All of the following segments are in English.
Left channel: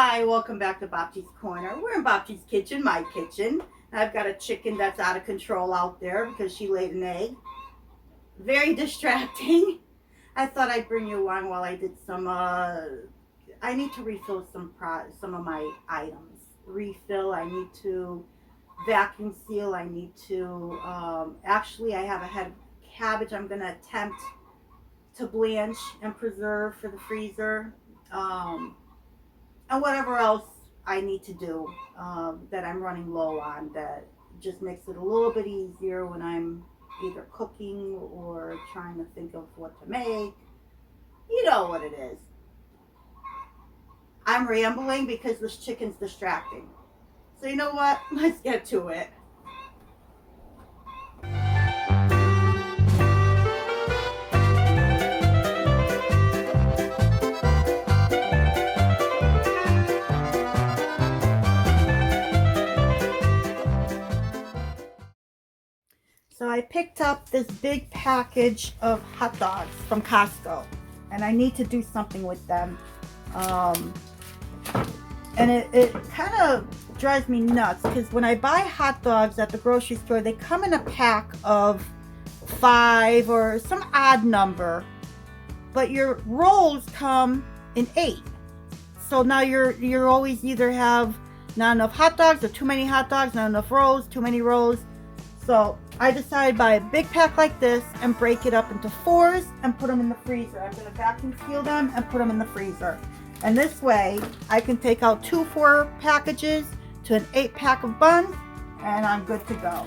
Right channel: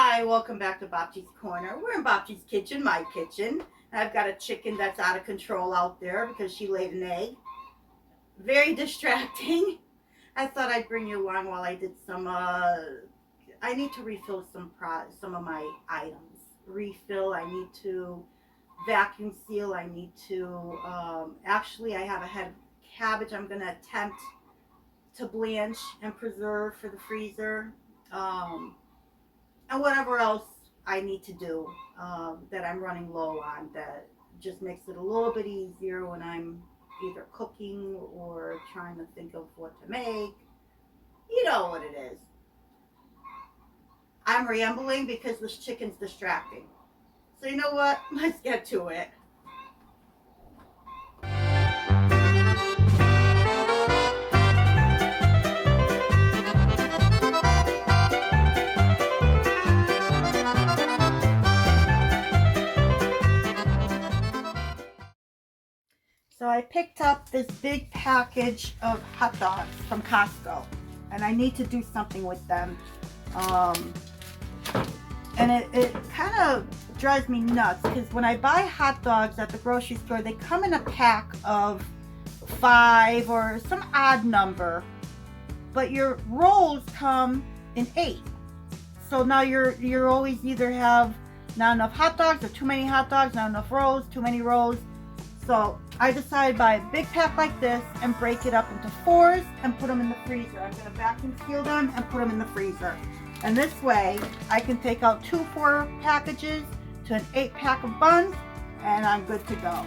Hi, welcome back to Bobji's Corner. We're in Bobji's kitchen, my kitchen. I've got a chicken that's out of control out there because she laid an egg. Very distracting. I thought I'd bring you along while I did some. I need to refill some of my items. Refill. I need to vacuum seal. I need to. Actually, I have a head of cabbage. I'm gonna attempt to blanch and preserve for the freezer. Um, and whatever else I need to do that I'm running low on that just makes it a little bit easier when I'm either cooking or trying to think of what to make. You know what it is. I'm rambling because this chicken's distracting. So you know what? Let's get to it. So I picked up this big package of hot dogs from Costco, and I need to do something with them. And it kind of drives me nuts because when I buy hot dogs at the grocery store, they come in a pack of 5 or some odd number, but your rolls come in 8. So now you're always either have not enough hot dogs or too many hot dogs, not enough rolls, too many rolls. So I decided to buy a big pack like this and break it up into 4s and put them in the freezer. I'm going to vacuum seal them and put them in the freezer. And this way I can take out 2 4 packages to an 8 pack of buns and I'm good to go.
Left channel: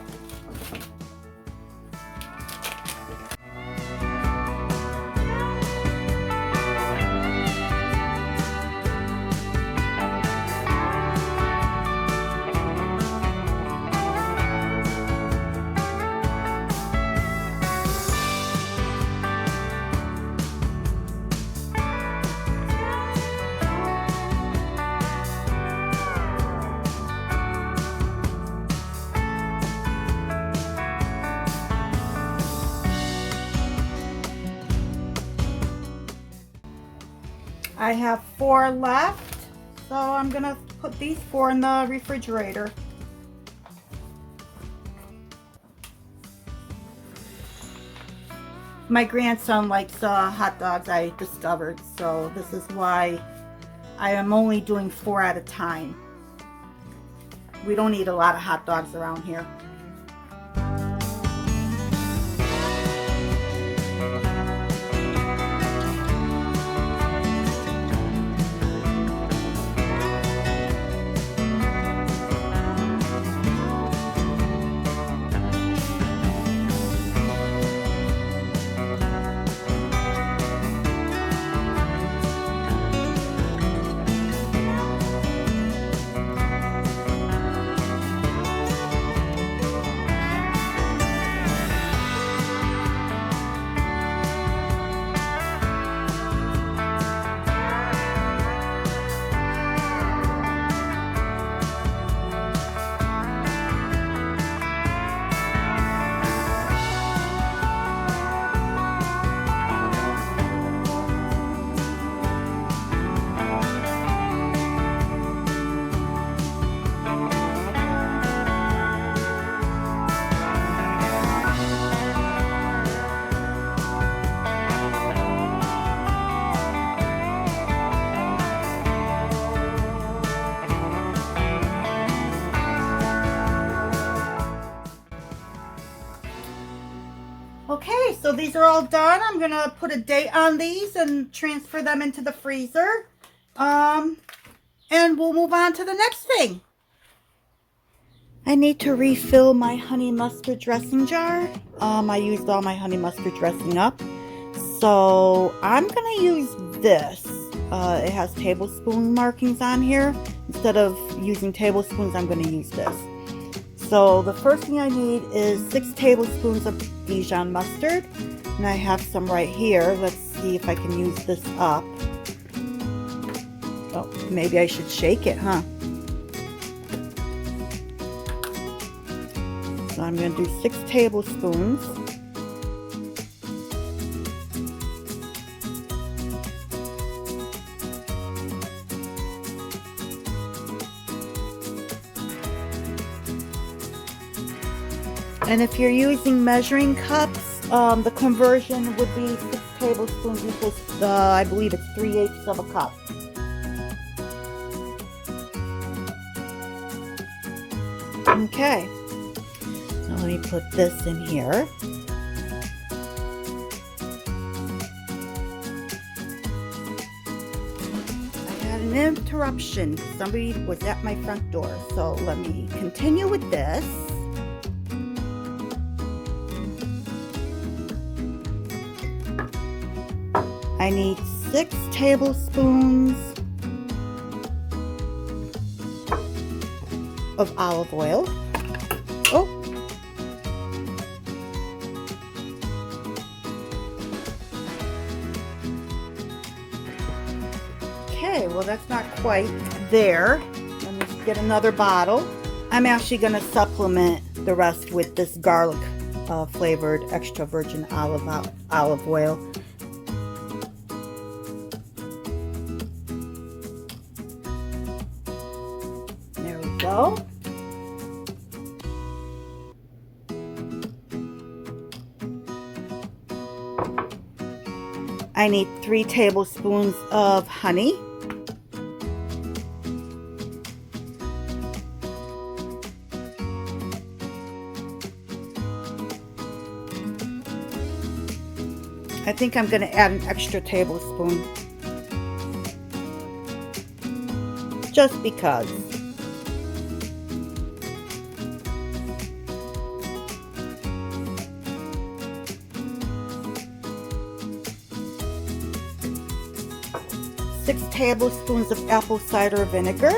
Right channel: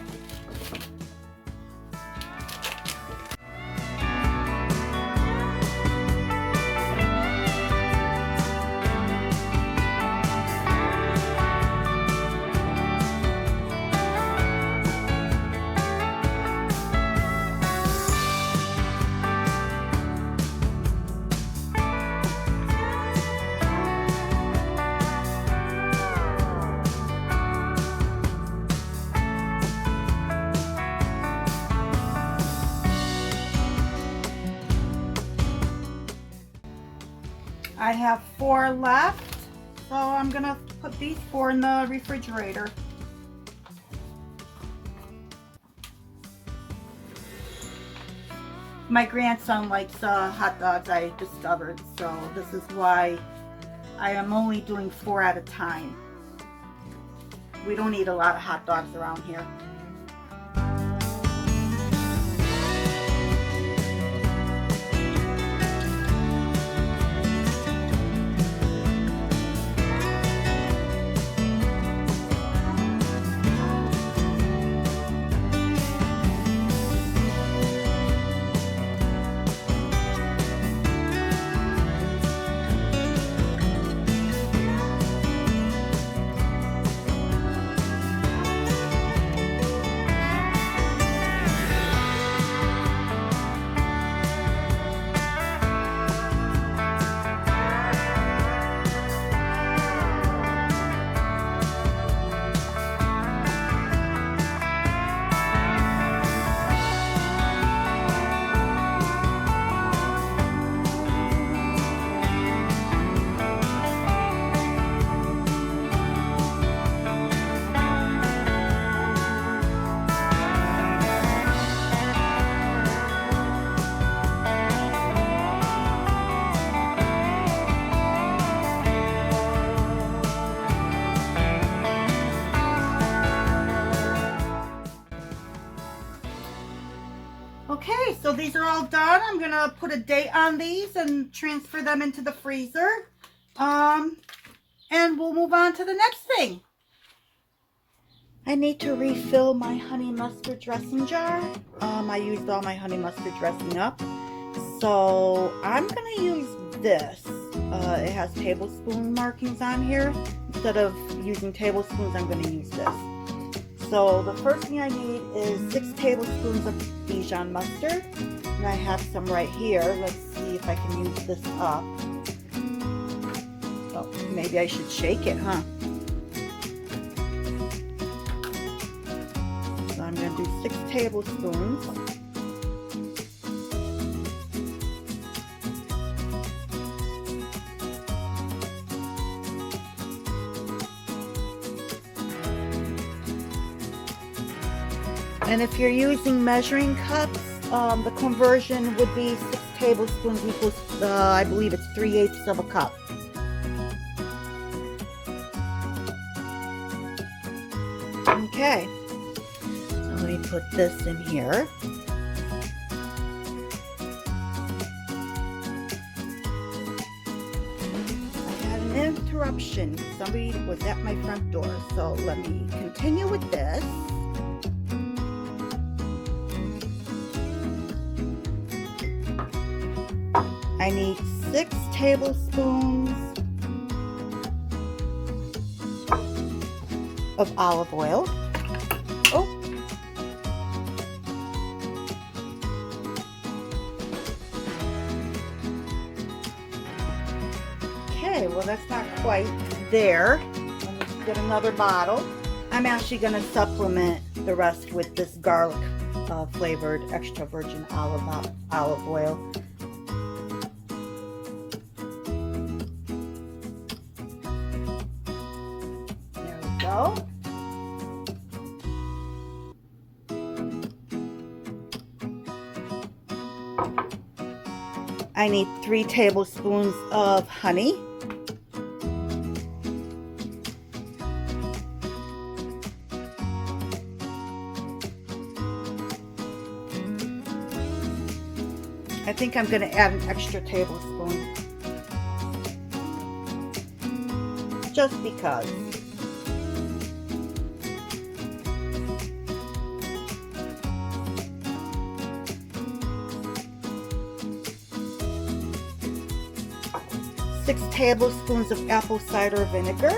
I have 4 left, so I'm gonna put these 4 in the refrigerator. My grandson likes hot dogs, I discovered, so this is why I am only doing 4 at a time. We don't eat a lot of hot dogs around here. Okay, so these are all done. I'm gonna put a date on these and transfer them into the freezer. And we'll move on to the next thing. I need to refill my honey mustard dressing jar. I used all my honey mustard dressing up. So I'm gonna use this. It has tablespoon markings on here. Instead of using tablespoons, I'm gonna use this. So the first thing I need is 6 tablespoons of Dijon mustard. And I have some right here. Let's see if I can use this up. Oh, maybe I should shake it, huh? So I'm going to do 6 tablespoons. And if you're using measuring cups, the conversion would be 6 tablespoons equals, I believe it's 3/8 of a cup. Okay, so let me put this in here. I had an interruption. Somebody was at my front door, so let me continue with this. I need 6 tablespoons of olive oil. Oh. Okay, well that's not quite there. Let me get another bottle. I'm actually going to supplement the rest with this garlic flavored extra virgin olive oil. There we go. I need 3 tablespoons of honey. I think I'm going to add an extra tablespoon. Just because. Six tablespoons of apple cider vinegar.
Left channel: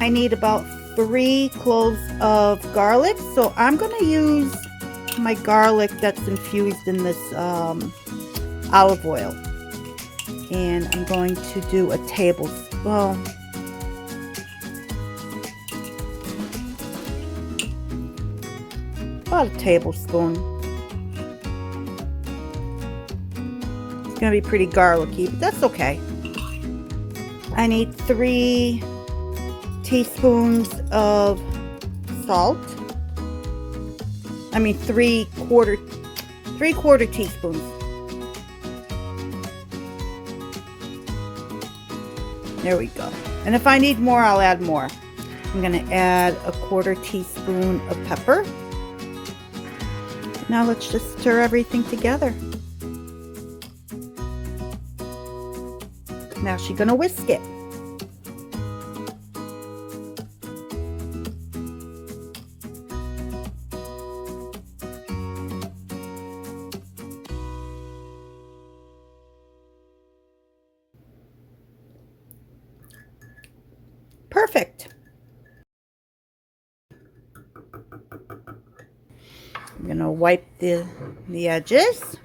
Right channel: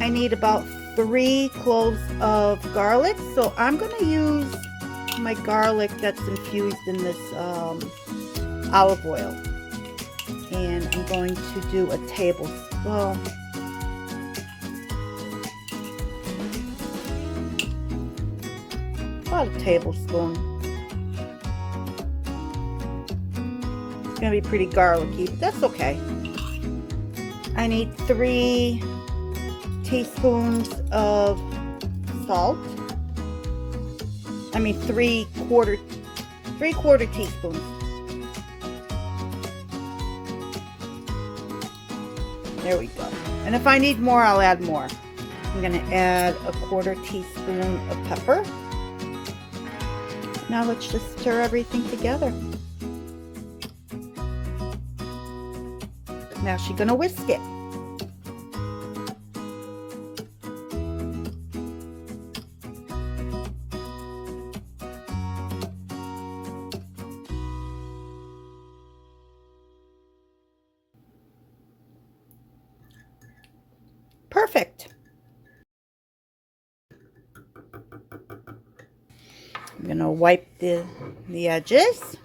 I need about 3 cloves of garlic, so I'm going to use my garlic that's infused in this olive oil, and I'm going to do a tablespoon. Well, about a tablespoon. It's going to be pretty garlicky, but that's okay. I need 3 teaspoons of salt. I mean 3/4 teaspoons. There we go. And if I need more, I'll add more. I'm going to add a 1/4 teaspoon of pepper. Now let's just stir everything together. Now she's going to whisk it. Perfect. I'm going to wipe the edges.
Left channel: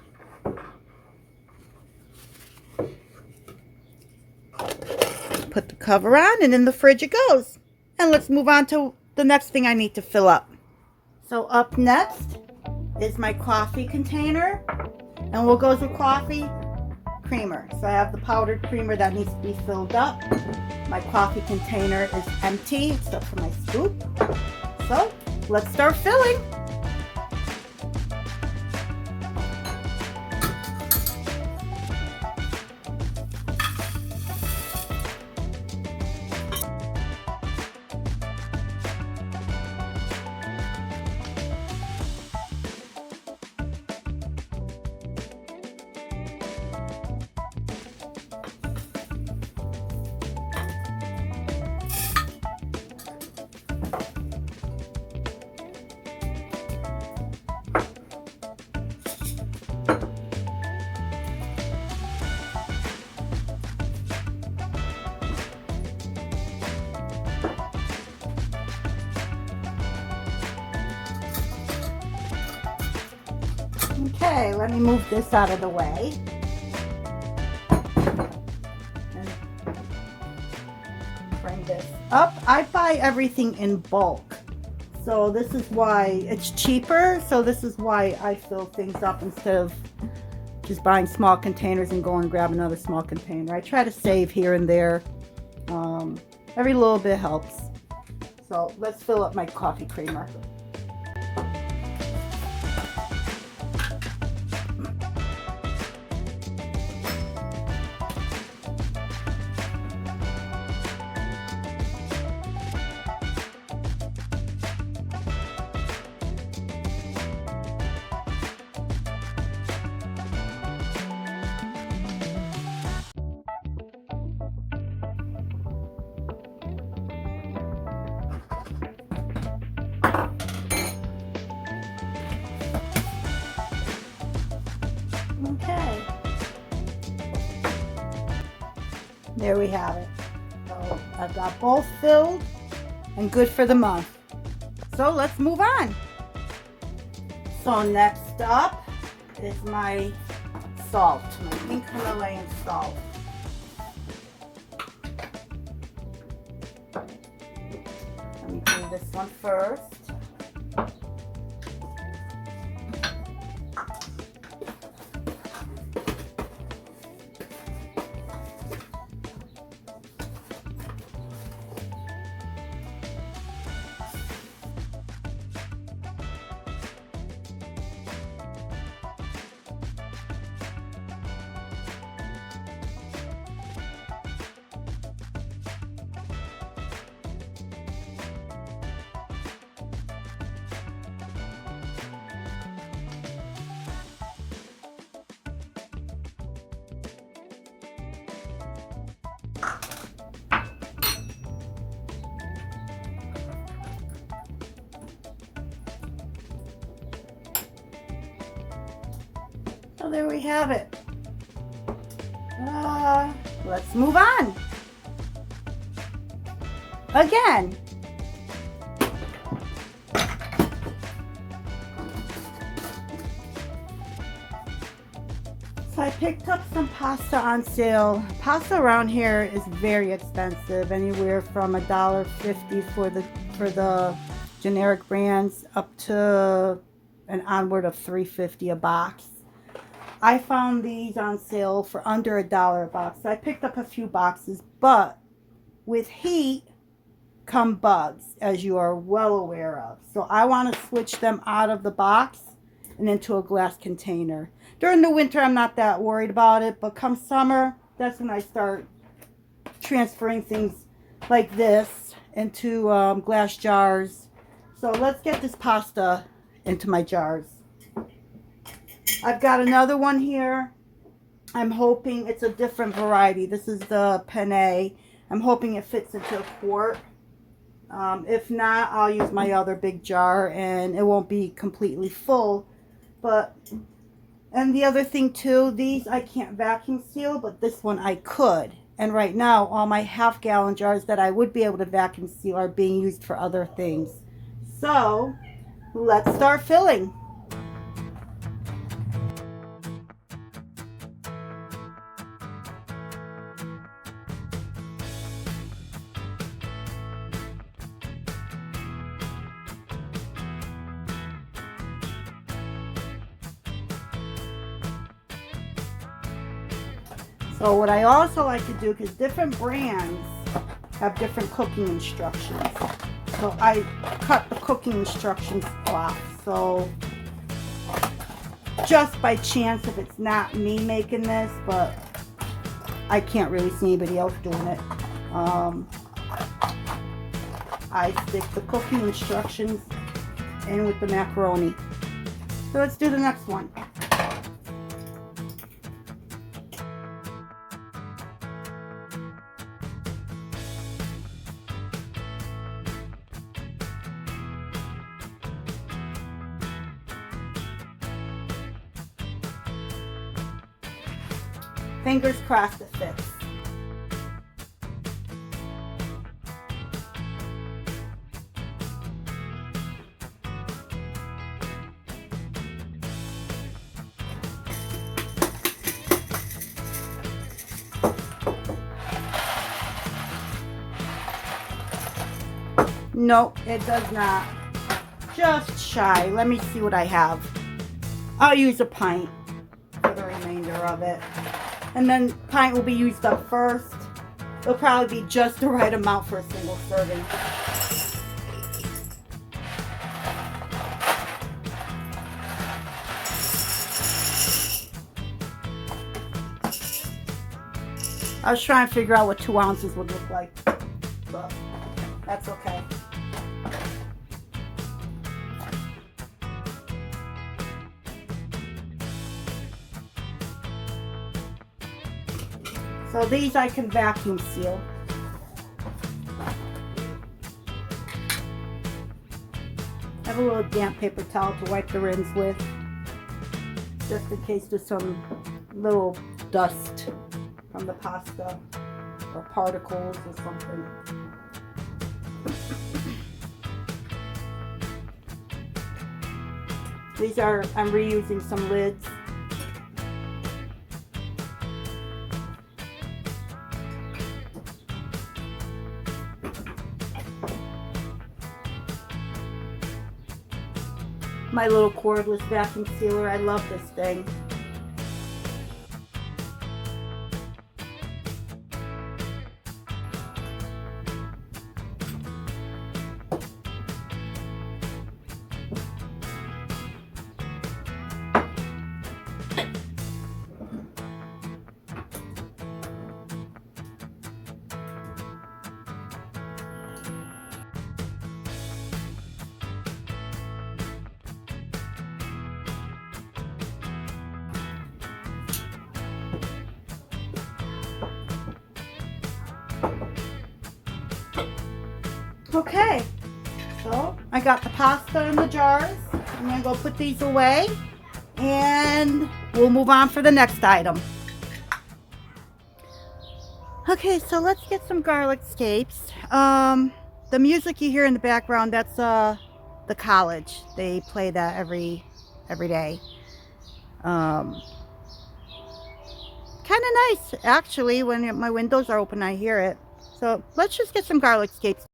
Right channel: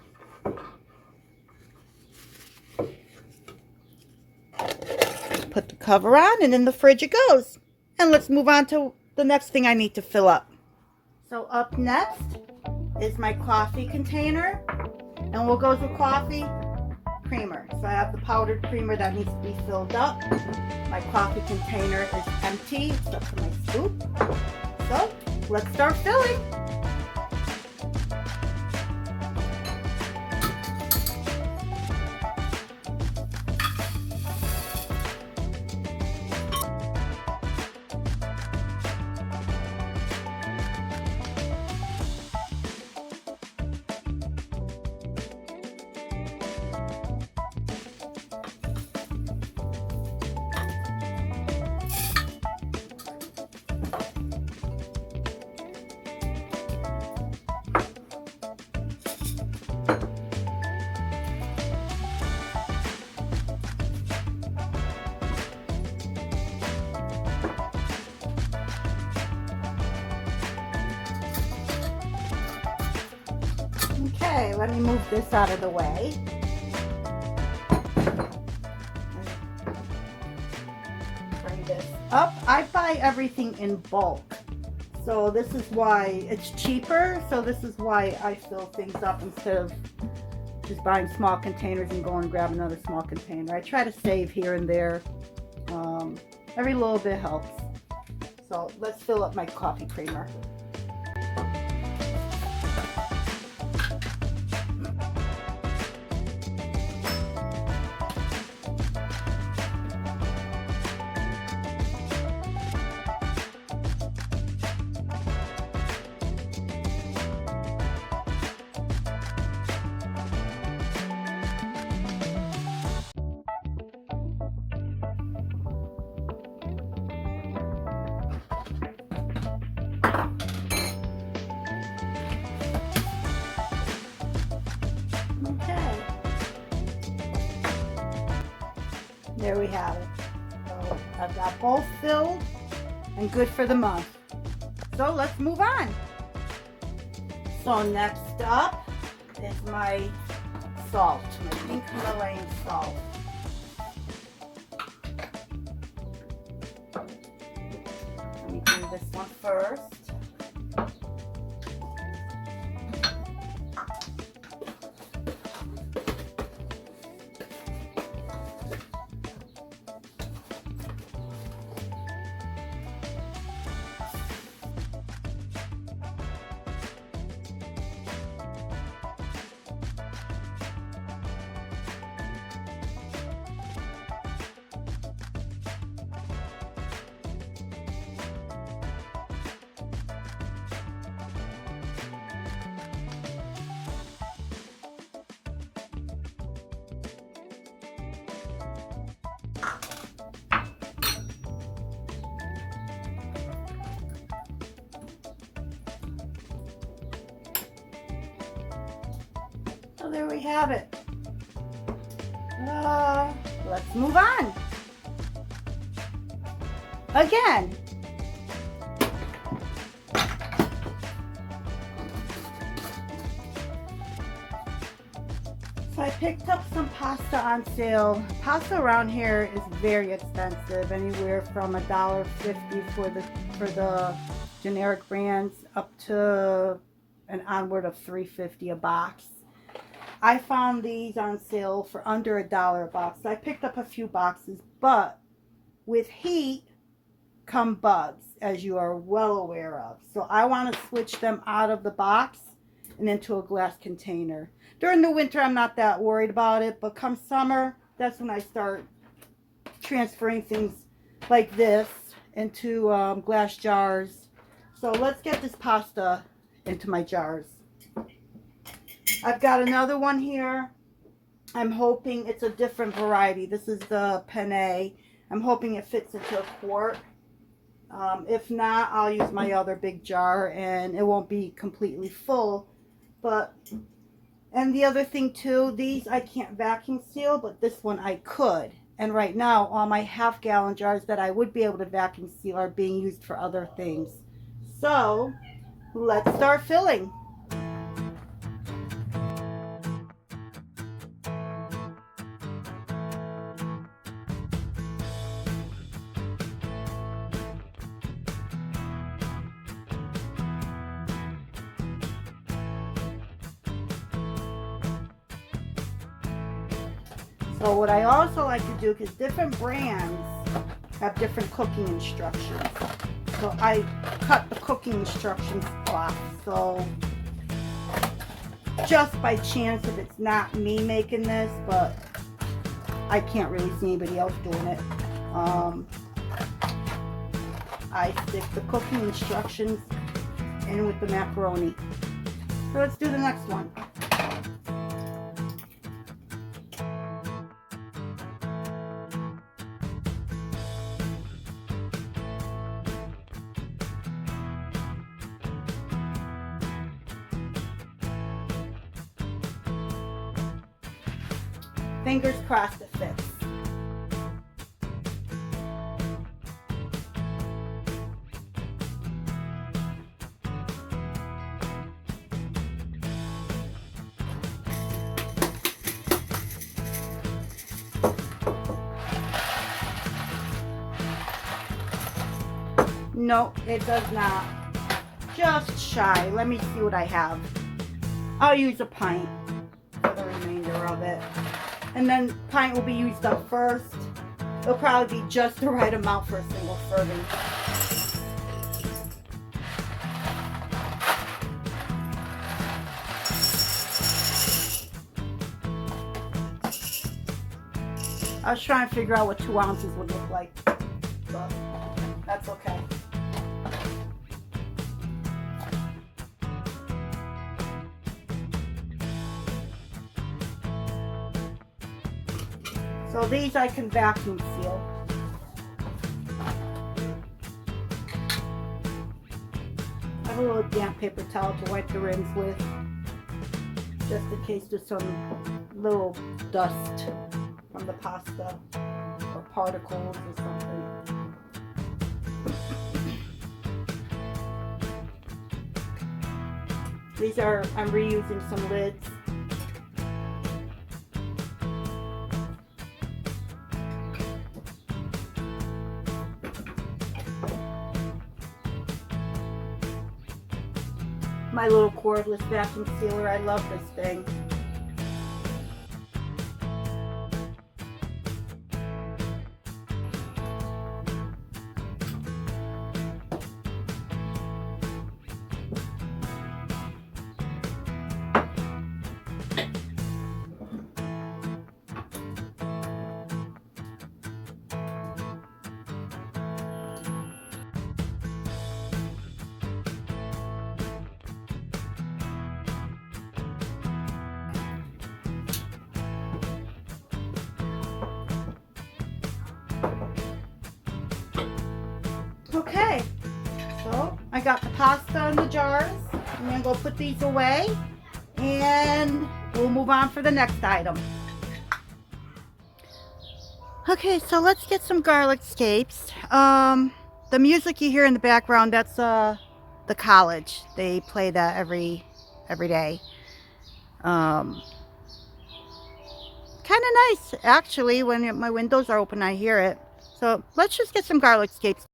Put the cover on, and in the fridge it goes. And let's move on to the next thing I need to fill up. So up next is my coffee container, and we'll go through coffee creamer. So I have the powdered creamer that needs to be filled up. My coffee container is empty except for my scoop. So let's start filling. Okay, let me move this out of the way. Bring this up. I buy everything in bulk. So this is why it's cheaper. So this is why I fill things up instead of just buying small containers and go and grab another small container. I try to save here and there. Every little bit helps. So let's fill up my coffee creamer. Okay, there we have it. So I've got both filled and good for the month. So let's move on. So next up is my salt, my pink Himalayan salt. Let me do this one first. So there we have it. Let's move on. Again. So I picked up some pasta on sale. Pasta around here is very expensive, anywhere from $1.50 for the generic brands up to an onward of $3.50 a box. I found these on sale for under $1 a box. I picked up a few boxes, but with heat come bugs, as you are well aware of. So I want to switch them out of the box and into a glass container. During the winter, I'm not that worried about it, but come summer, that's when I start transferring things like this into glass jars. So let's get this pasta into my jars. I've got another one here. I'm hoping it's a different variety. This is the penne. I'm hoping it fits into a quart. If not, I'll use my other big jar and it won't be completely full. And the other thing too, these I can't vacuum seal, but this one I could. And right now, all my half-gallon jars that I would be able to vacuum seal are being used for other things. So let's start filling. So what I also like to do, because different brands have different cooking instructions. So I cut the cooking instructions off. So just by chance, if it's not me making this, but I can't really see anybody else doing it, I stick the cooking instructions in with the macaroni. So let's do the next one. Fingers crossed it fits. Nope, it does not. just shy. Let me see what I have. I'll use a pint for the remainder of it. And then pint will be used up first. It'll probably be just the right amount for a single serving. I was trying to figure out what 2 ounces would look like, so that's okay. So these I can vacuum seal. I have a little damp paper towel to wipe the rims with, just in case there's some little dust from the pasta or particles or something. These are, I'm reusing some lids. My little cordless vacuum sealer, I love this thing. Okay, so I got the pasta in the jars. I'm gonna go put these away and we'll move on for the next item. Okay, so let's get some garlic scapes. The music you hear in the background, that's the college. They play that every day. Kind of nice, actually. When my windows are open, I hear it. So let's just get some garlic scapes.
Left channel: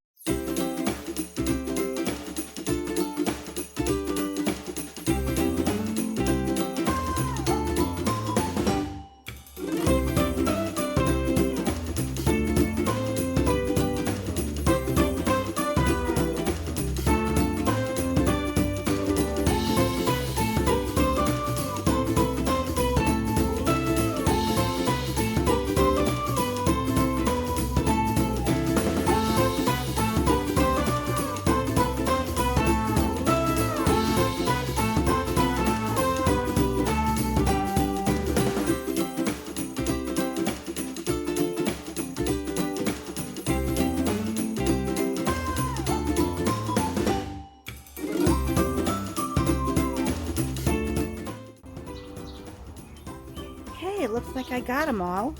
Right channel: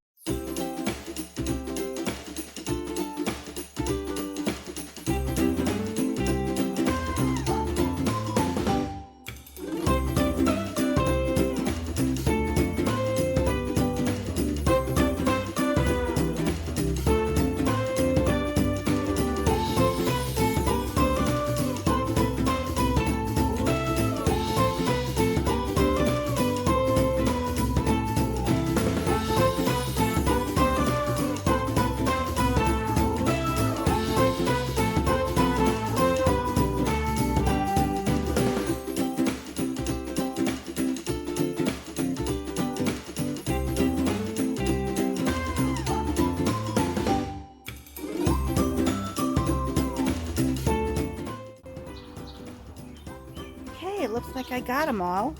It looks like I got them all.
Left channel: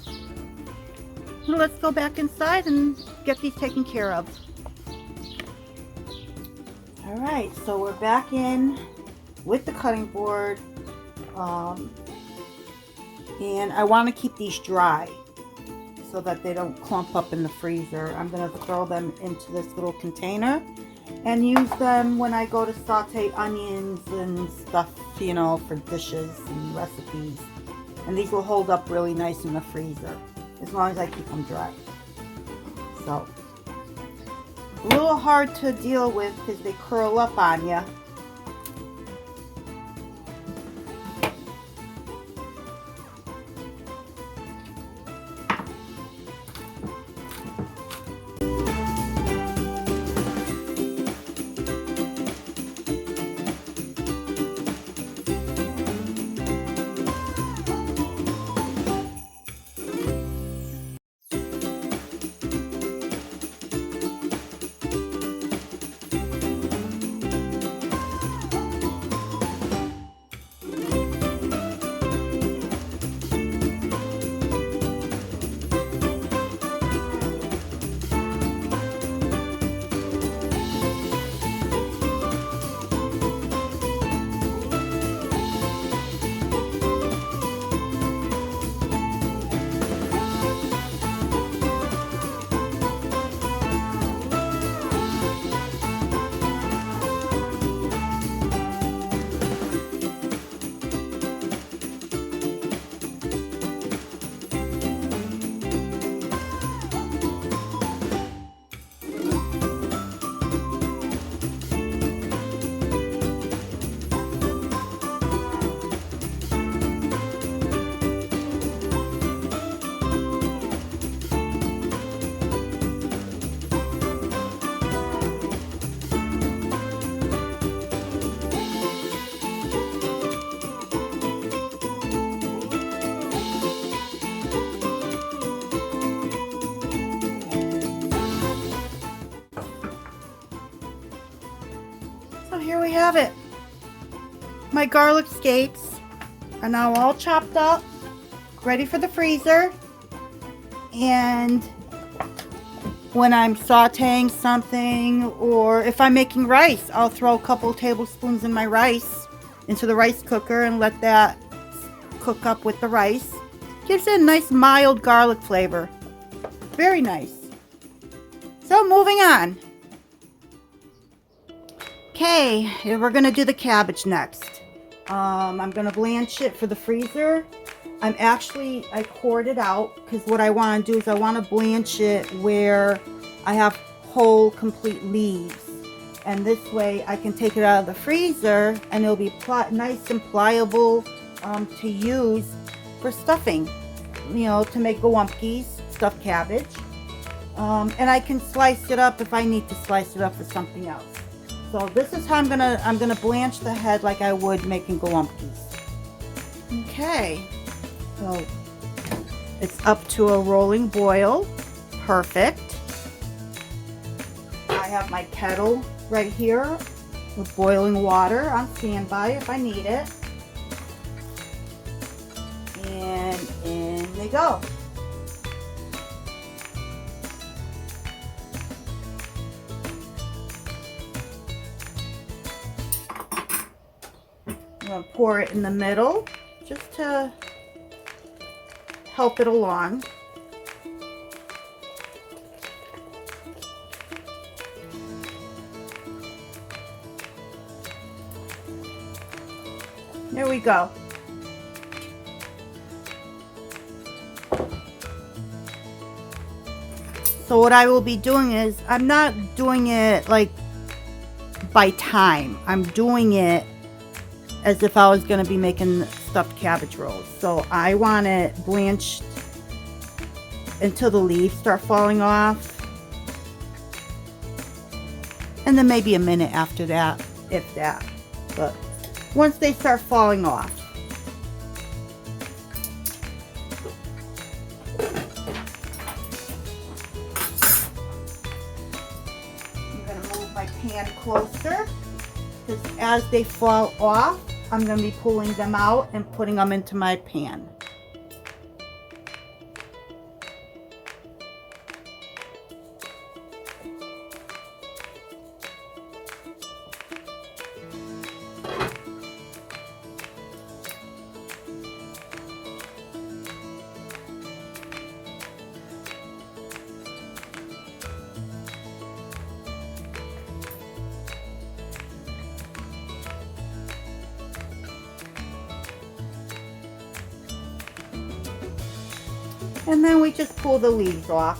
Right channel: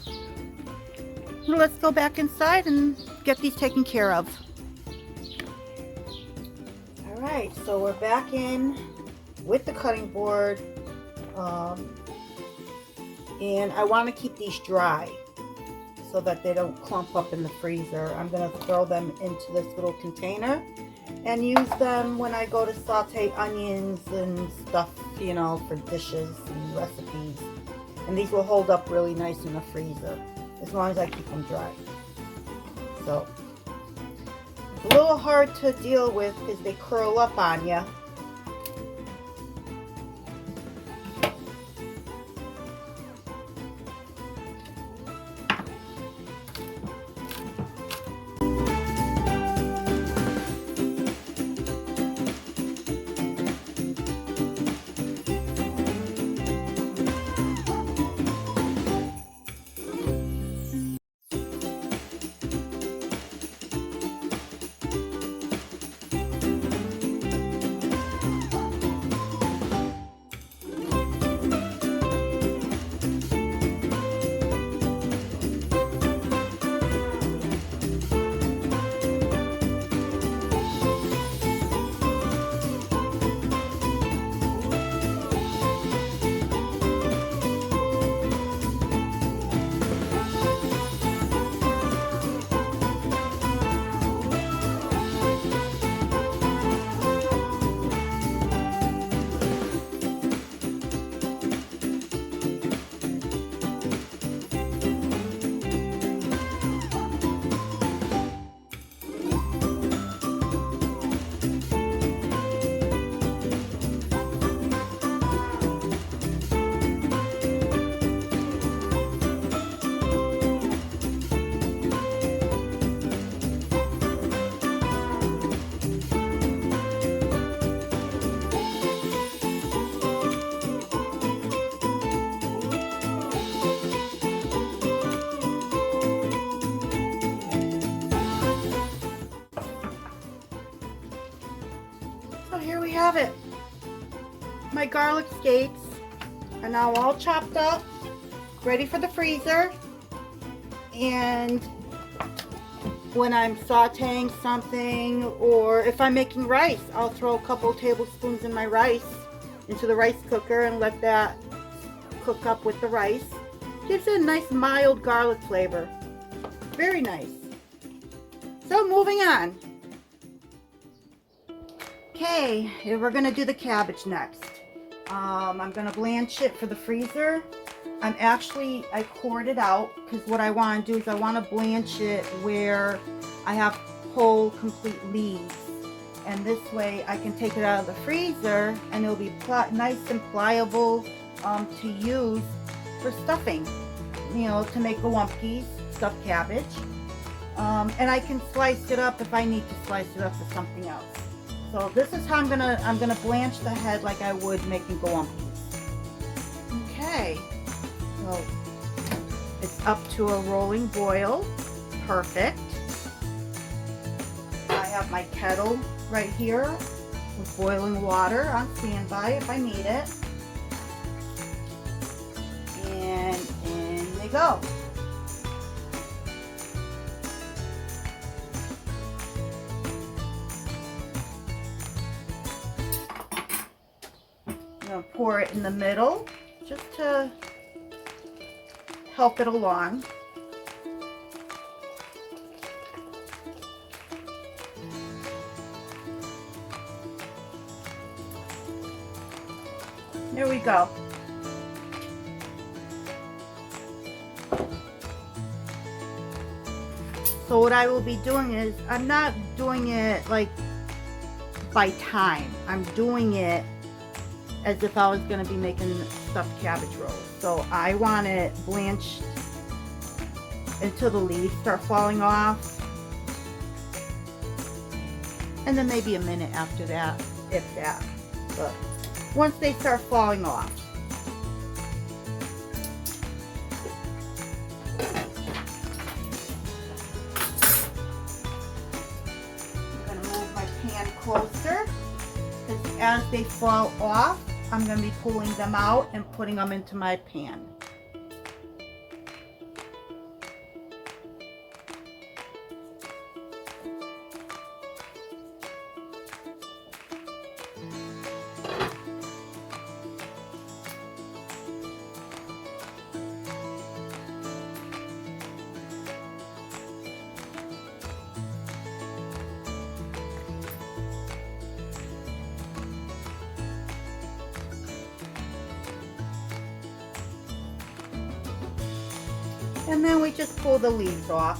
Well, let's go back inside and get these taken care of. Alright, so we're back in with the cutting board. And I want to keep these dry so that they don't clump up in the freezer. I'm going to throw them into this little container and use them when I go to saute onions and stuff, you know, for dishes and recipes. And these will hold up really nice in the freezer as long as I keep them dry. So, a little hard to deal with because they curl up on you. here we have it. My garlic scapes are now all chopped up, ready for the freezer. And when I'm sauteing something, or if I'm making rice, I'll throw a couple tablespoons in my rice into the rice cooker and let that cook up with the rice. Gives it a nice mild garlic flavor. Very nice. So moving on. Okay, we're gonna do the cabbage next. I'm gonna blanch it for the freezer. I poured it out because what I want to do is I want to blanch it where I have whole complete leaves, and this way I can take it out of the freezer and it'll be nice and pliable to use for stuffing, you know, to make gołąbkis, stuffed cabbage, and I can slice it up if I need to slice it up for something else. So this is how I'm gonna blanch the head like I would making gołąbkis. Okay. So it's up to a rolling boil. Perfect. I have my kettle right here with boiling water on standby if I need it. And in they go. I'm going to pour it in the middle just to help it along. There we go. So what I will be doing is, I'm not doing it like by time. I'm doing it as if I was going to be making stuffed cabbage rolls. So I want it blanched until the leaves start falling off. And then maybe a minute after that, if that. But once they start falling off. I'm going to move my pan closer, because as they fall off, I'm going to be pulling them out and putting them into my pan. And then we just pull the leaves off.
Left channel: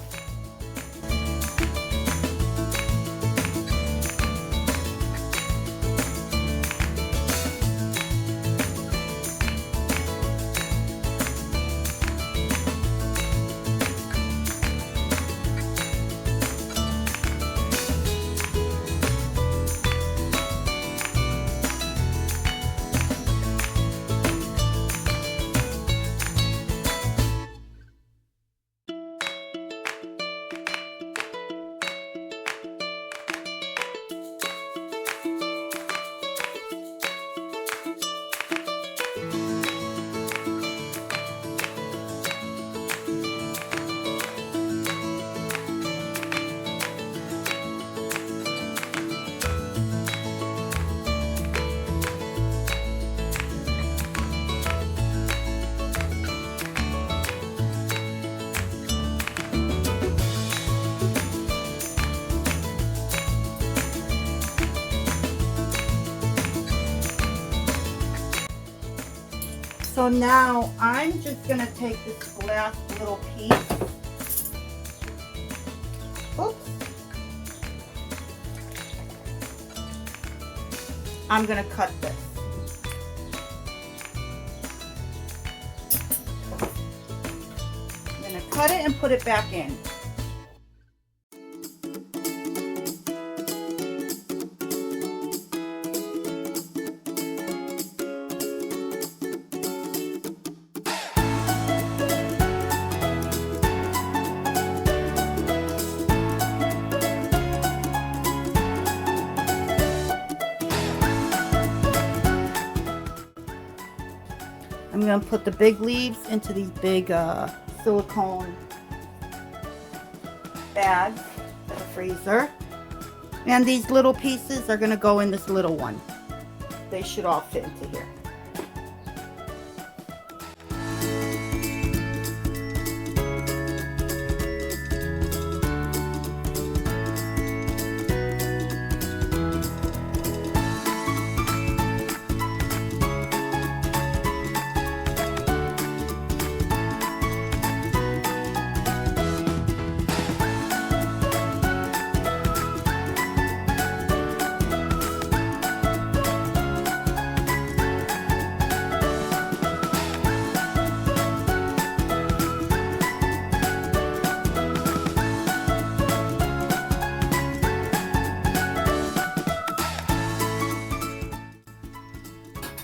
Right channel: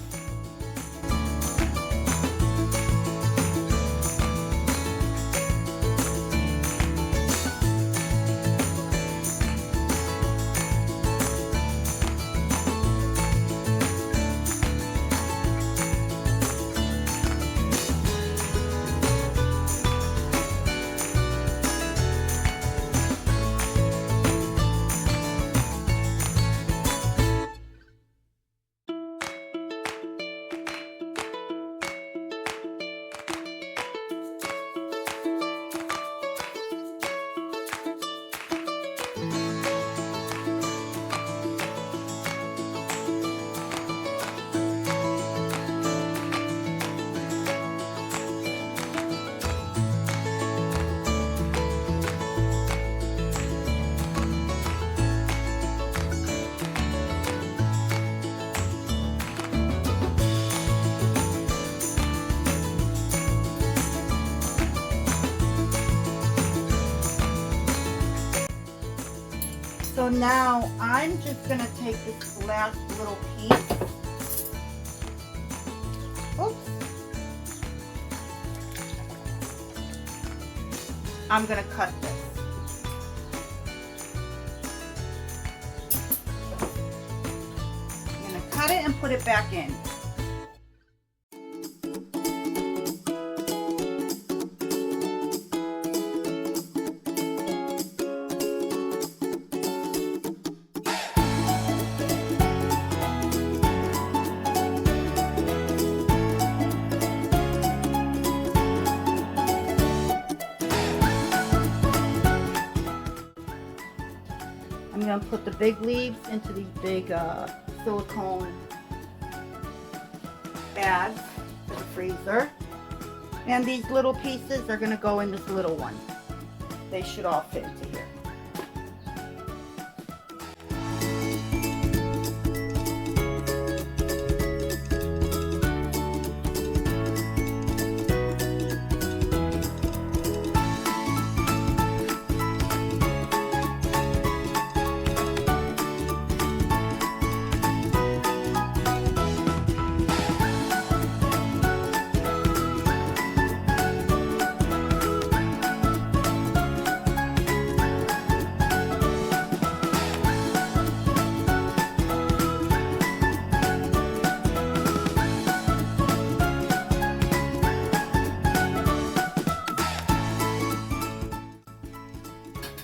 So now I'm just going to take this last little piece. Oops. I'm going to cut this. I'm going to cut it and put it back in. I'm going to put the big leaves into these big silicone bags for the freezer. And these little pieces are going to go in this little one. They should all fit into here.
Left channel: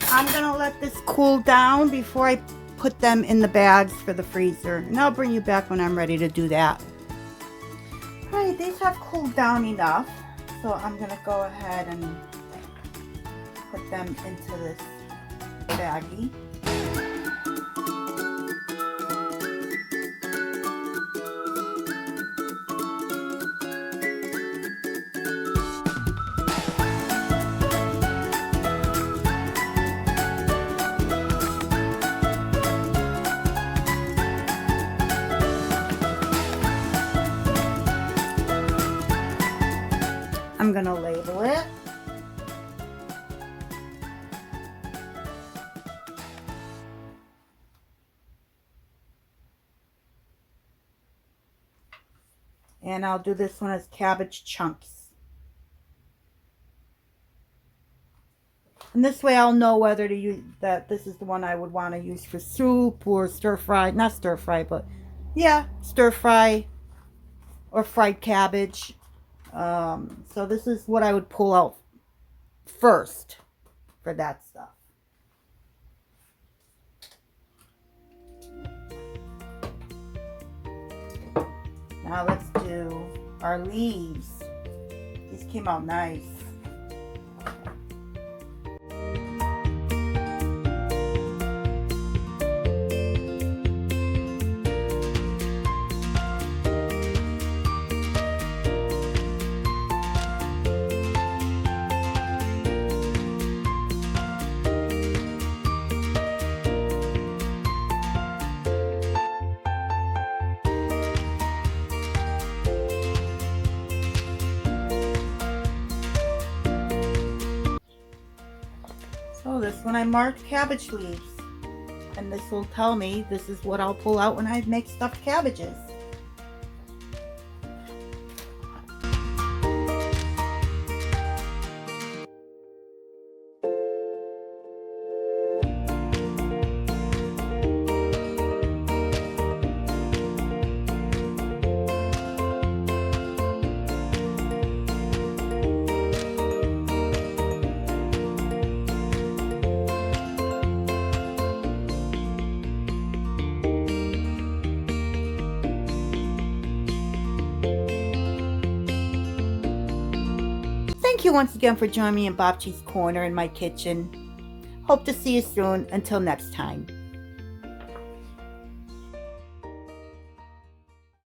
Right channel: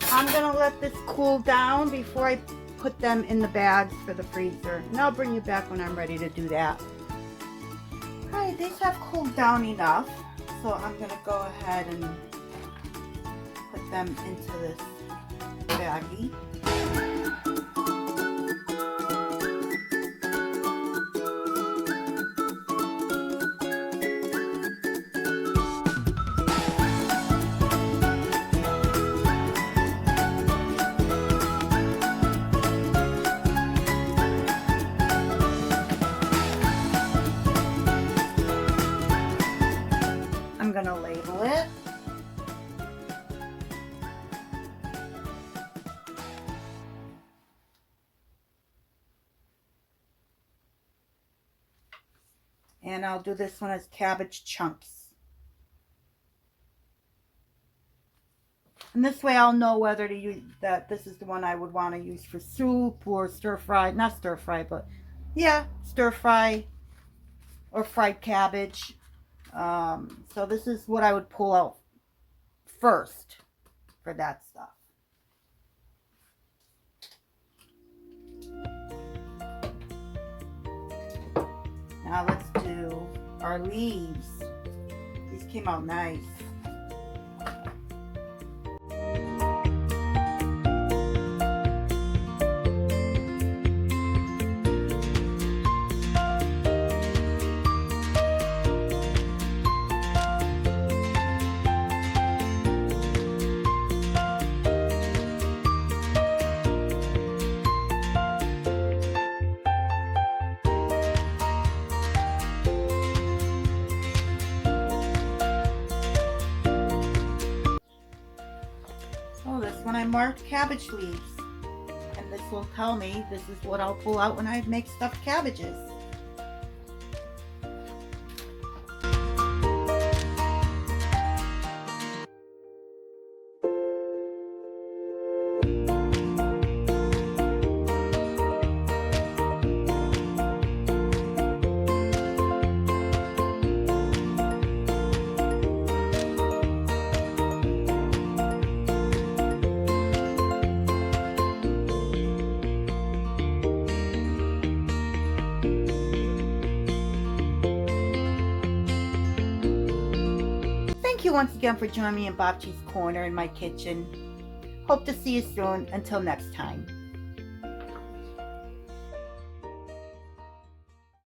I'm gonna let this cool down before I put them in the bags for the freezer. And I'll bring you back when I'm ready to do that. Alright, these have cooled down enough. So I'm gonna go ahead and put them into this baggie. I'm going to label it. And I'll do this one as cabbage chunks. And this way I'll know whether to use that. This is the one I would want to use for soup or stir fry. Not stir fry, but yeah, stir fry or fried cabbage. So this is what I would pull out first for that stuff. Now let's do our leaves. These came out nice. So this one I marked cabbage leaves, and this will tell me this is what I'll pull out when I make stuffed cabbages. Thank you once again for joining me in Babci's Corner in my kitchen. Hope to see you soon. Until next time.